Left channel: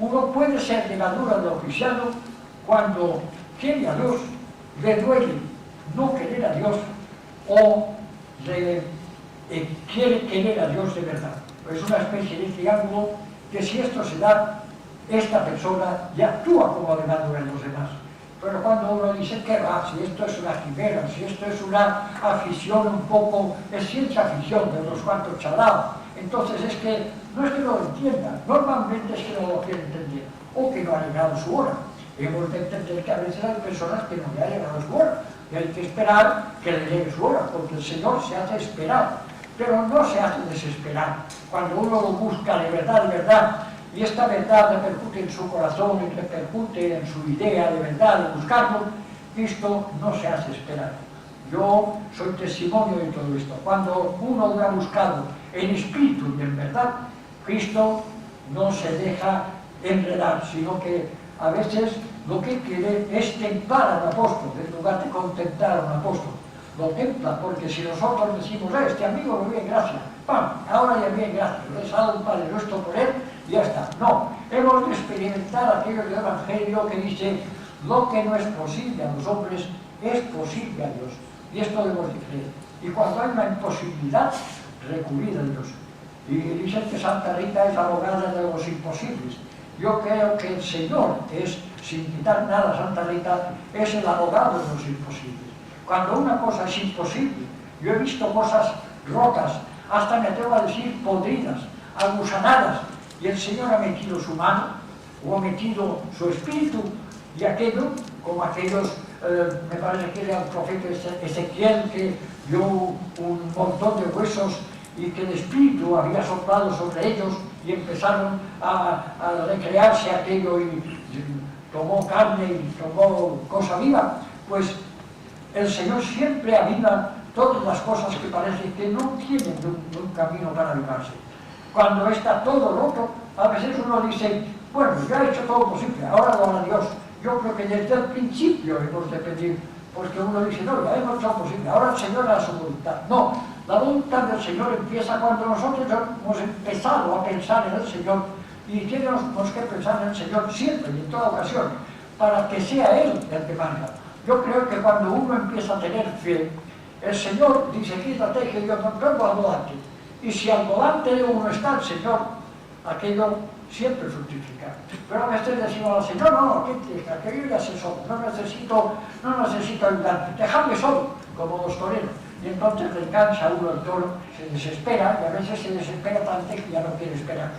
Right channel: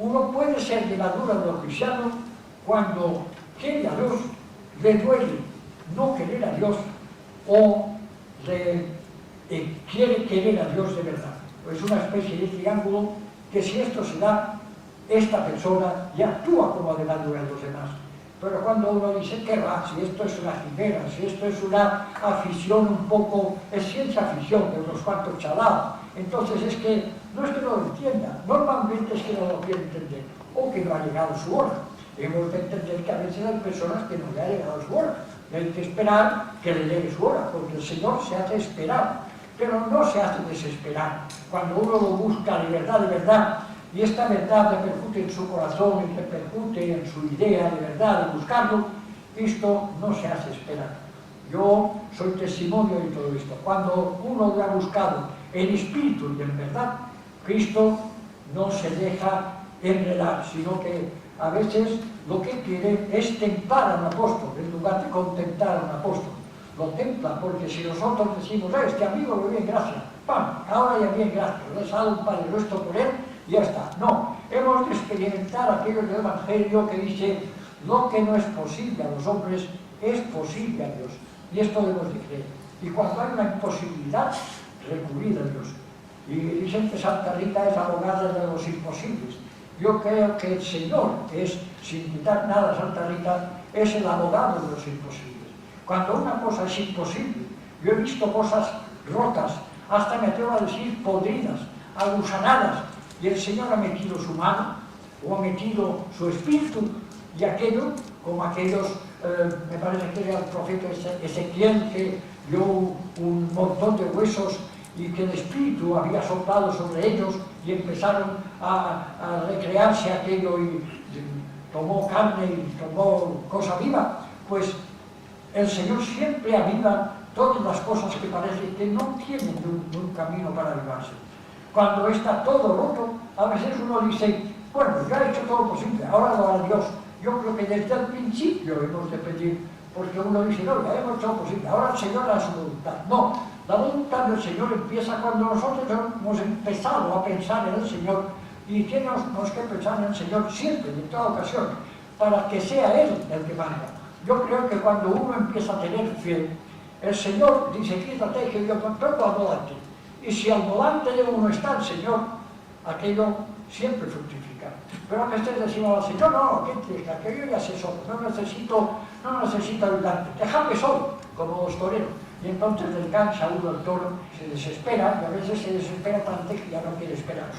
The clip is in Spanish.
Uno puede ser levadura de lo cristiano cuando quiere a Dios, le duele no querer a Dios o quiere querer a Dios de verdad. Es una especie de triángulo que si esto se da, esta persona ya actúa como levadura en los demás. Pero cuando uno dice que va, si esto es una quimera, si esto es una afición un poco, es ciencia afición de unos cuantos chalados, entonces es que no lo entienda, normalmente es que no lo quiere entender, o que no ha llegado su hora. Hemos de entender que a veces hay personas que no le ha llegado su hora, y hay que esperar que le llegue su hora, porque el Señor se hace esperar, pero no se hace desesperar. Cuando uno lo busca de verdad, y esta verdad repercute en su corazón y repercute en su idea de verdad, de buscarlo, Cristo no se hace esperar. Yo soy testimonio de todo esto. Cuando uno lo ha buscado en espíritu y en verdad, Cristo no se deja enredar, sino que a veces lo que quiere es tentar a un apóstol, en lugar de contentar a un apóstol. Lo templa, porque si nosotros decimos, este amigo me bien, gracias, ¡pam!, ahora ya bien, gracias, le sale un Padre Nuestro por él, y ya está. No, hemos de experimentar aquello del Evangelio que dice, lo que no es posible a los hombres, es posible a Dios. Y esto debemos de creer. Y cuando hay una imposibilidad, recurrir a Dios. Y dicen que Santa Rita es abogada de los imposibles. Yo creo que el Señor, que es, sin quitar nada a Santa Rita, es el abogado de los imposibles. Cuando una cosa es imposible, yo he visto cosas rotas, hasta me atrevo a decir podridas, agusanadas, y el Señor ha metido su mano, o ha metido su espíritu, y aquello, como aquellos, me parece que era el profeta Ezequiel, que vio un montón de huesos y que el espíritu había soplado sobre ellos y empezaron a recrearse aquello y tomó carne y tomó cosa viva. Pues el Señor siempre aviva todas las cosas que parece que no tienen un camino para avivarse. Cuando está todo roto, a veces uno dice, bueno, yo he hecho todo posible, ahora lo hará Dios. Yo creo que desde el principio hemos de pedir, porque uno dice, no, ya hemos hecho lo posible, ahora el Señor hará su voluntad. No, la voluntad del Señor empieza cuando nosotros hemos empezado a pensar en el Señor, y tenemos que pensar en el Señor siempre y en toda ocasión, para que sea Él el que manda. Yo creo que cuando uno empieza a tener fe, el Señor dice, quítate que yo tampoco al volante. Y si al volante de uno está el Señor, aquello siempre fructifica. Pero a veces decimos al Señor, no, quítate, aquello ya se solo, no necesito ayudante, déjame solo, como los toreros. Y entonces le cansa a uno el toro, se desespera, y a veces se desespera tanto que ya no quiere esperar.